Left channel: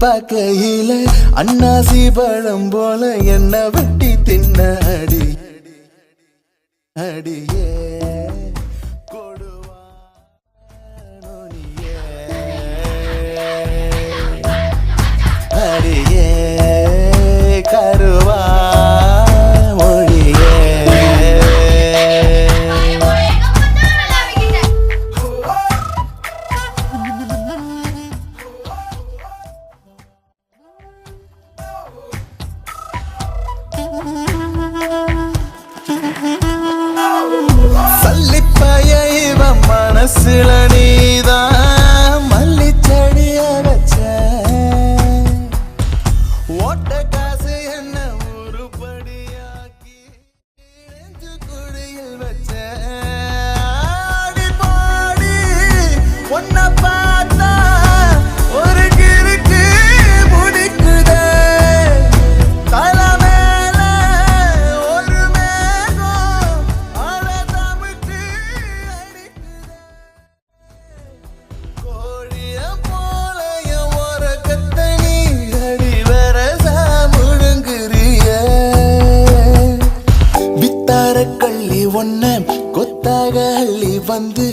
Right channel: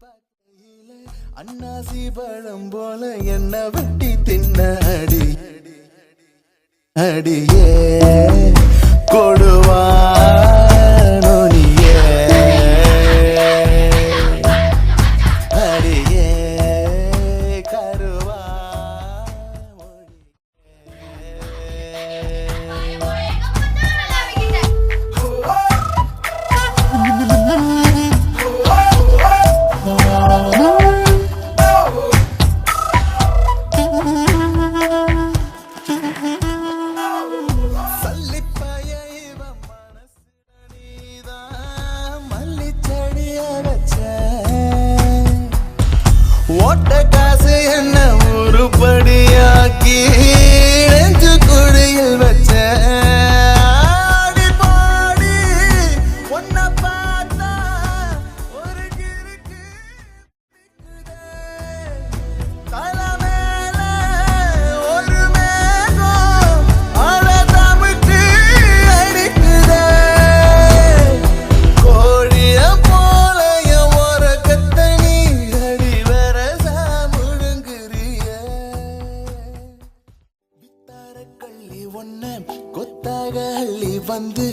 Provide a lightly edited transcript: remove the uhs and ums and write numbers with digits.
பார்க்கையில அன்னாசி பழம் போல என்ன வெட்டி தின்ன அடி அடியே கொடுவா நொடியே அடியே கருவா மொழியே மனசுல நீதான் மல்லி செடிய வச்ச ஓட்ட காசு என்ன உருப்படியாக்கி நெஞ்சு குழியில் வச்ச ஆடி பாடி ஒன்ன பார்த்தா ஒரு கிறுக்கு முடிக்குதே தலை மேல ஒரு மேகம் அழ தமிழ்க்கு அடிக்குதே கோழிய போல என் உறக்கத்தை நீ அடி வரசா முழுங்குறிய வித்தார கள்ளி ஒன்ன கொத்தாக அள்ளி வந்து